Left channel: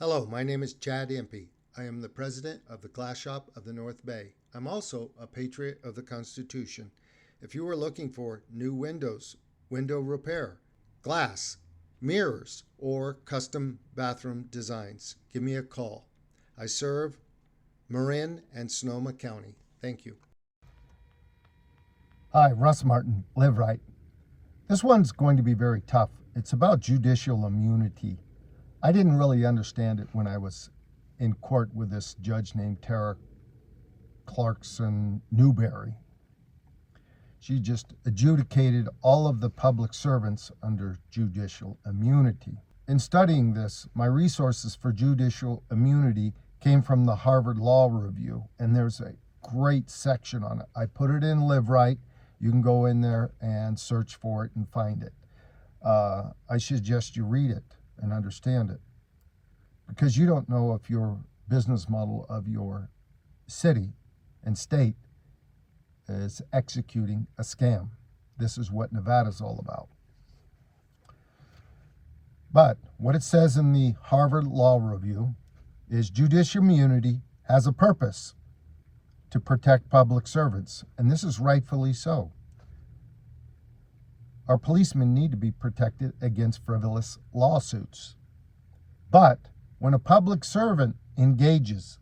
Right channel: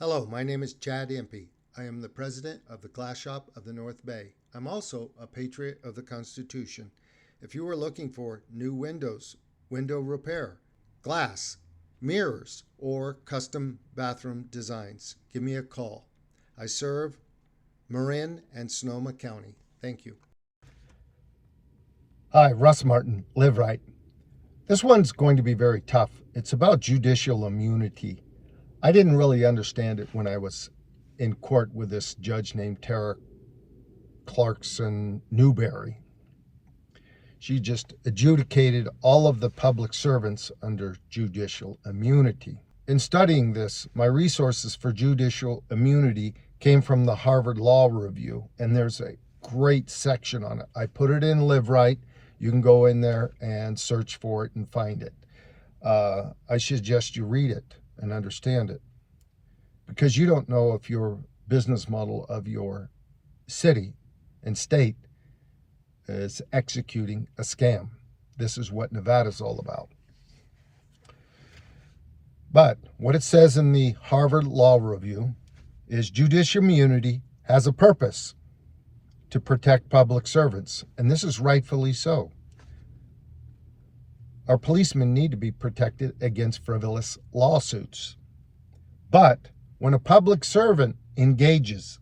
Hello, my name is Chad Impey. I am the president of the Glass Shop of the North Bay. I'm also a patriot of the Constitution. If you are looking for new windows, window repair, glass, mirrors, or custom bathroom designs, give me a call. I serve Marin and Sonoma County. Thank you. Hi, Russ Martin, Live Right. This one's going to be very tough. It's about judicial immunity. I didn't really understand it when I was in court with this judge named Tara Clarkson Newberry. She just adjudicated all of the public servants under judicial immunity. In studying this, my resources for judicial immunity came from the Harvard Law Review, and there's a great section on it. I put it in Live Right. You can go in there and search for it and find it. I suggest you read it and understand it, because you don't know if your business model of your city and state is executing a scam. This is what Nevada's all about. But what it says in the Harvard Law Review is judicial immunity has a purpose: to protect public servants, and this is rightfully so. Our policemen need to be protected against frivolous lawsuits. But when a public servant engages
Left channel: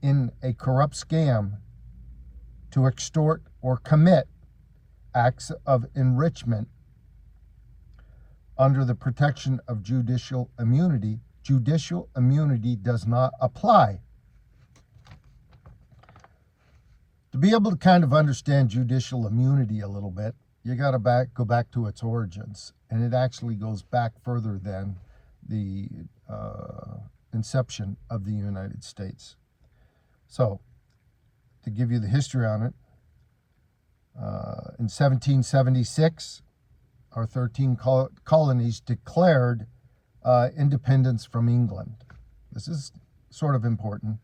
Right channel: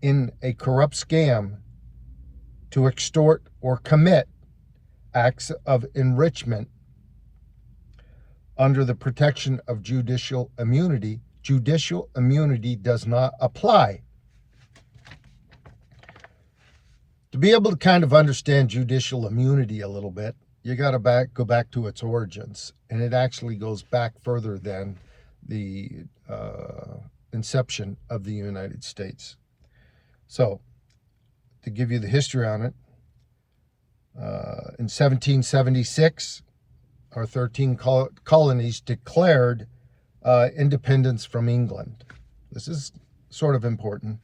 in a corrupt scam to extort or commit acts of enrichment under the protection of judicial immunity does not apply. To be able to kind of understand judicial immunity a little bit, you got to go back to its origins, and it actually goes back further than the inception of the United States. So, to give you the history on it, in 1776, our 13 colonies declared independence from England. This is sort of important.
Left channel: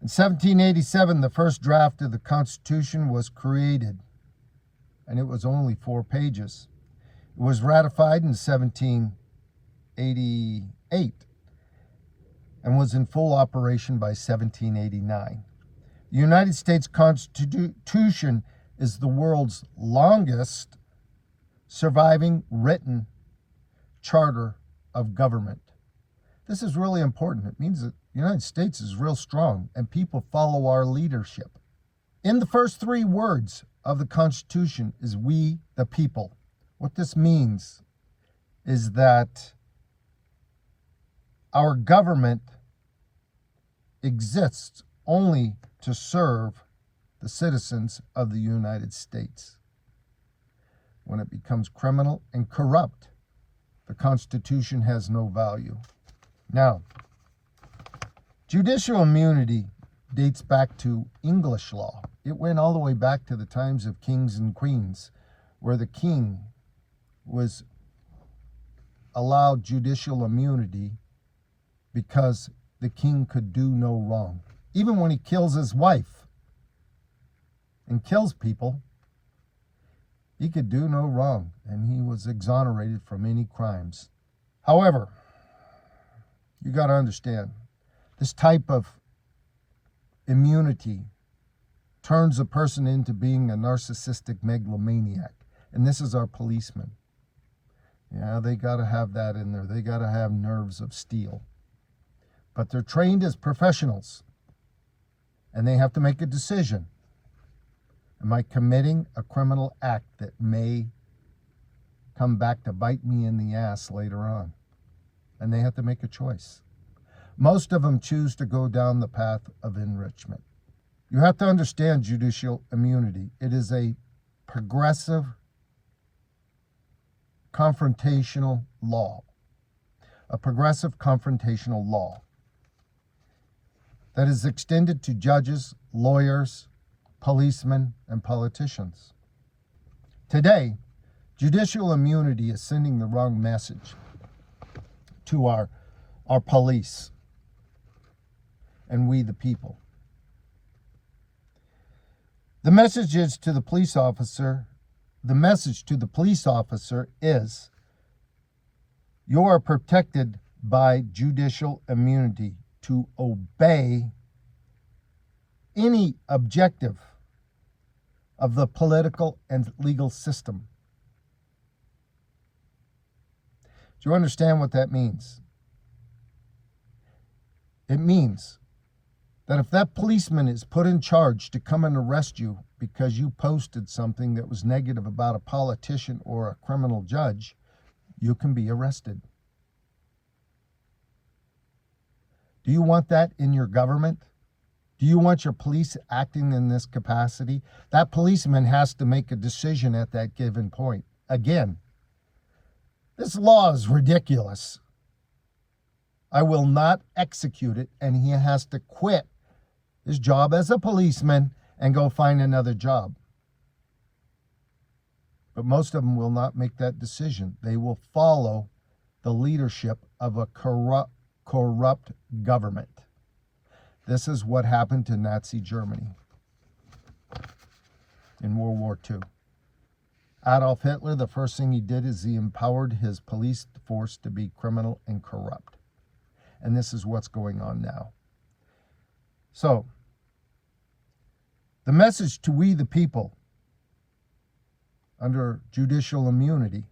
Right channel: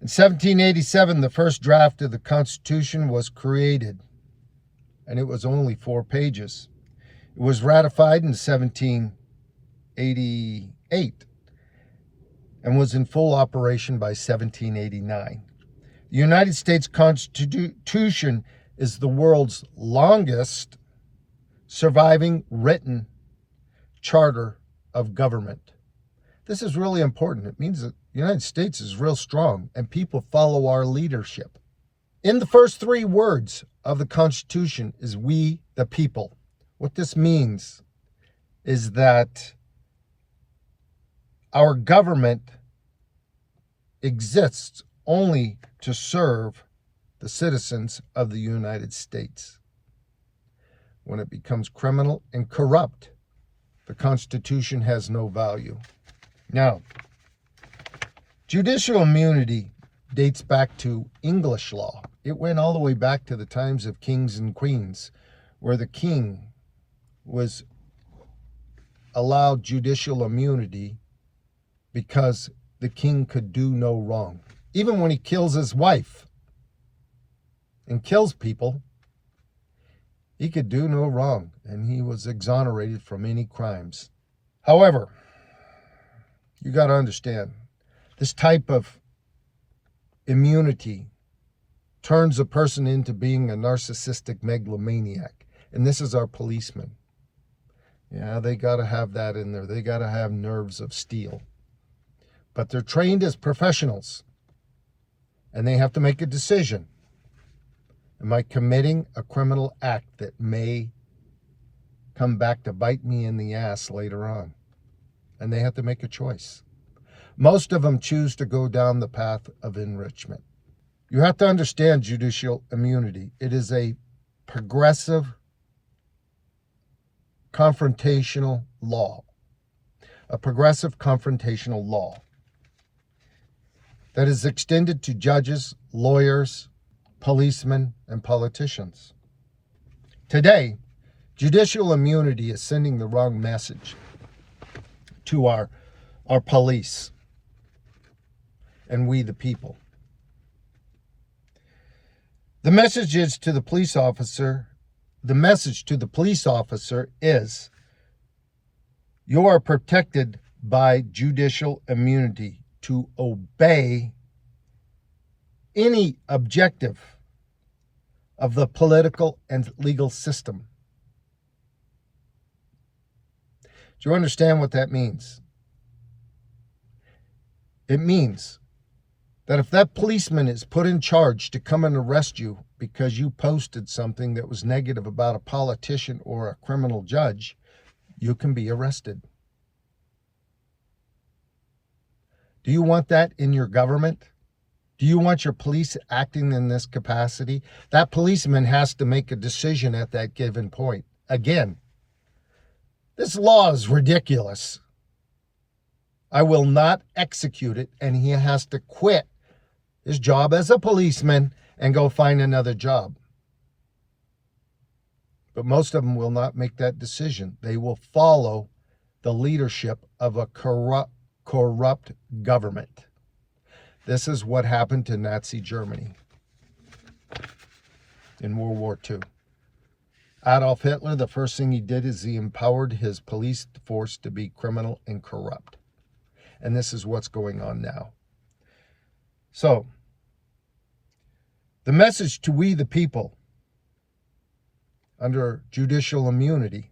In 1787, the first draft of the Constitution was created, and it was only 4 pages. It was ratified in 1788 and was in full operation by 1789. The United States Constitution is the world's longest surviving written charter of government. This is really important. It means that the United States is real strong and people follow our leadership. In the first 3 words of the Constitution is "we the people." What this means is that our government exists only to serve the citizens of the United States. When it becomes criminal and corrupt, the Constitution has no value. Now, judicial immunity dates back to English law. It went all the way back to the times of kings and queens, where the king was allowed judicial immunity because the king could do no wrong. Even when he kills his wife and kills people, he could do no wrong, and he was exonerated from any crimes. However, you got to understand, this type of immunity turns a person into being a narcissistic megalomaniac, and this is our policemen. Yeah, they got to have that in there. They got to have nerves of steel. But they're trained as professionals, and they have to make a decision. Am I committing a criminal act that may come back to bite me in the ass later on? And they have to make a choice. Most of them choose to go down the path of enrichment. You have to understand judicial immunity. It is a progressive, confrontational law. A progressive confrontational law that is extended to judges, lawyers, policemen, and politicians. Today, judicial immunity is sending the wrong message to our police and we the people. The message to the police officer is, you are protected by judicial immunity to obey any objective of the political and legal system. Do you understand what that means? It means that if that policeman is put in charge to come and arrest you because you posted something that was negative about a politician or a criminal judge, you can be arrested. Do you want that in your government? Do you want your police acting in this capacity? That policeman has to make a decision at that given point. Again, this law is ridiculous. I will not execute it, and he has to quit his job as a policeman and go find another job. But most of them will not make that decision. They will follow the leadership of a corrupt government. This is what happened to Nazi Germany in World War II. Adolf Hitler, the first thing he did is he empowered his police force to be criminal and corrupt. And this is what's going on now. So, the message to we the people under judicial immunity:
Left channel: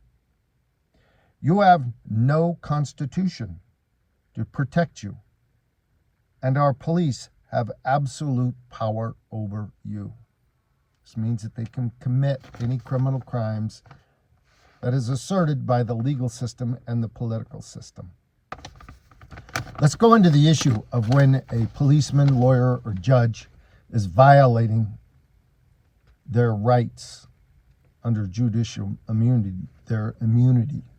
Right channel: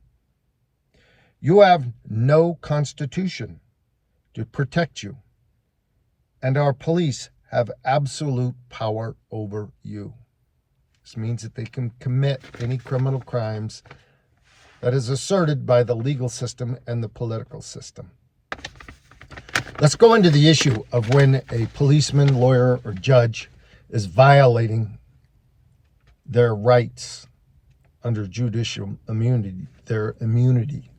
you have no constitution to protect you, and our police have absolute power over you. This means that they can commit any criminal crimes that is asserted by the legal system and the political system. Let's go into the issue of when a policeman, lawyer, or judge is violating their rights under judicial immunity, their immunity,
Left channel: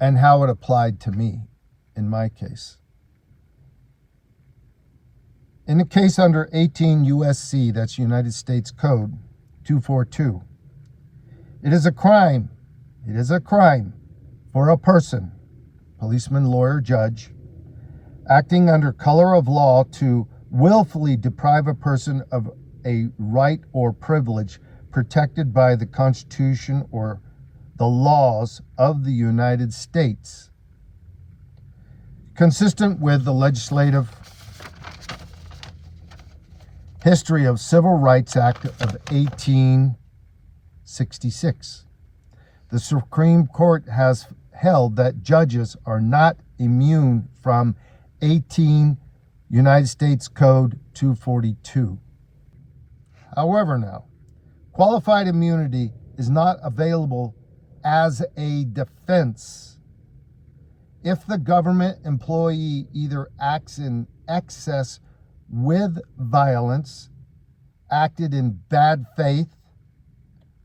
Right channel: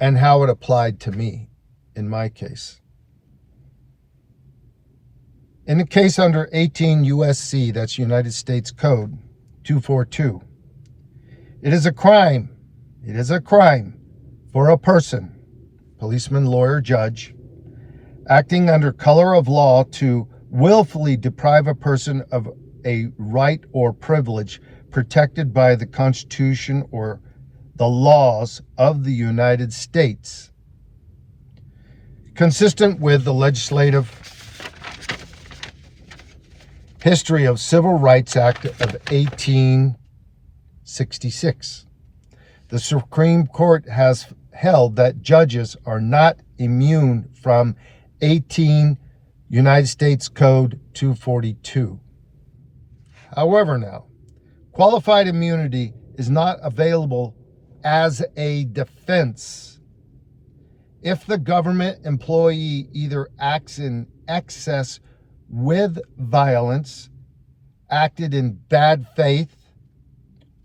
and how it applied to me in my case. In the case under 18 U.S.C., that's United States Code 242, it is a crime for a person, policeman, lawyer, judge, acting under color of law to willfully deprive a person of a right or privilege protected by the Constitution or the laws of the United States, consistent with the legislative history of Civil Rights Act of 1866. The Supreme Court has held that judges are not immune from 18 United States Code 242. However, now, qualified immunity is not available as a defense if the government employee either acts in excess with violence, acted in bad faith,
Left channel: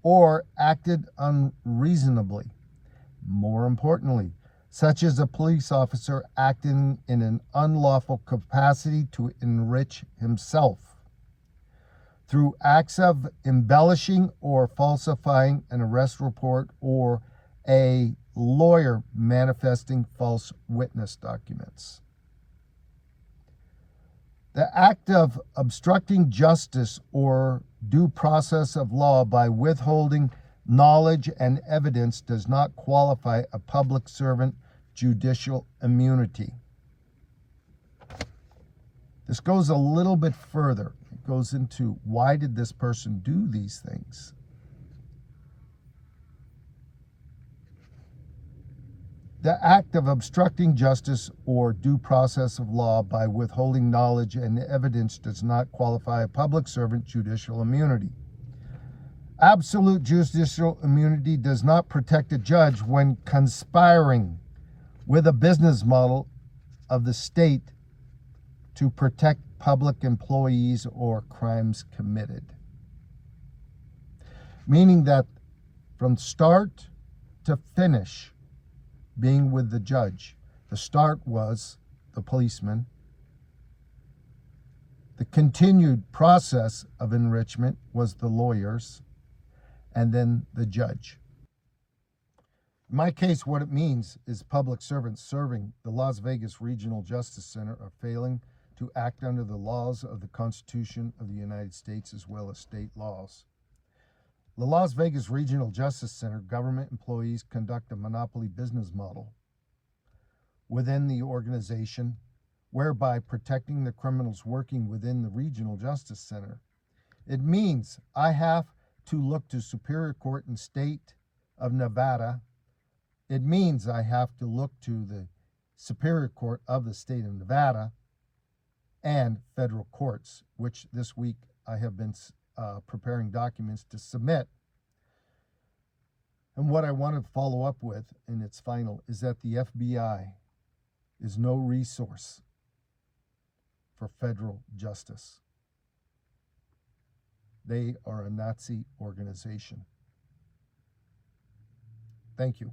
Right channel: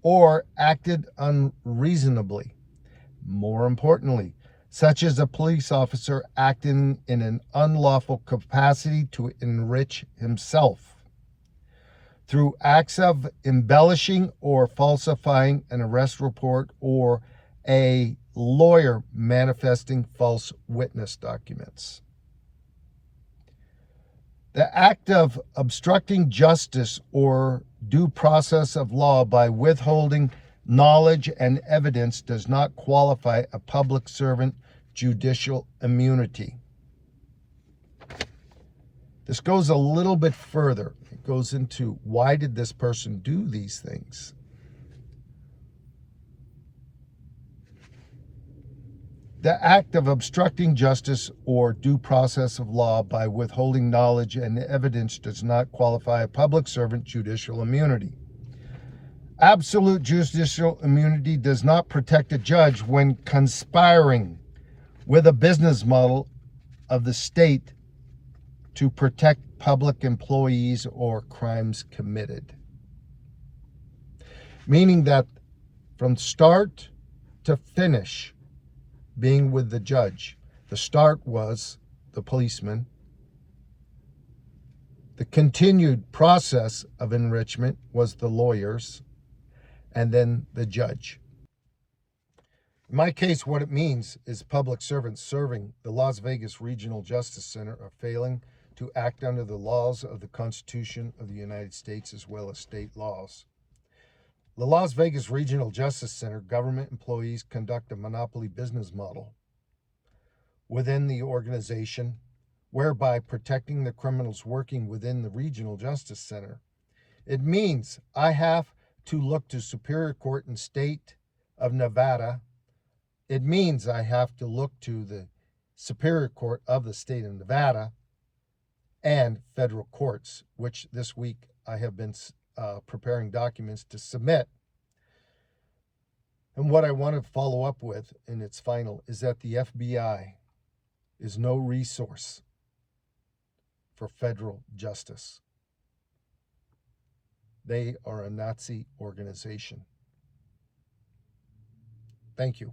or acted unreasonably. More importantly, such as a police officer acting in an unlawful capacity to enrich himself through acts of embellishing or falsifying an arrest report, or a lawyer manifesting false witness documents. The act of obstructing justice or due process of law by withholding knowledge and evidence does not qualify a public servant judicial immunity. This goes a little bit further. It goes into, why did this person do these things? The act of obstructing justice or due process of law by withholding knowledge and evidence does not qualify a public servant judicial immunity. Absolute judicial immunity does not protect a judge when conspiring with a business model of the state to protect public employees or crimes committed. Meaning that from start to finish, being with the judge, the start was the policeman. The continued process of enrichment was the lawyers, and then the judge. In my case, what it means is public servants serving the Las Vegas Regional Justice Center are failing to act under the laws of the Constitution of the United States as well as state laws. The Las Vegas Regional Justice Center government employees conduct a monopoly business model within the organization, whereby protecting the criminals working within the Regional Justice Center. It means I have to look to Superior Court and State of Nevada. It means I have to look to the Superior Court of the State of Nevada and federal courts, which this week I have been preparing documents to submit. And what I want to follow up with in its final is that the FBI is no resource for federal justice. They are a Nazi organization. Thank you.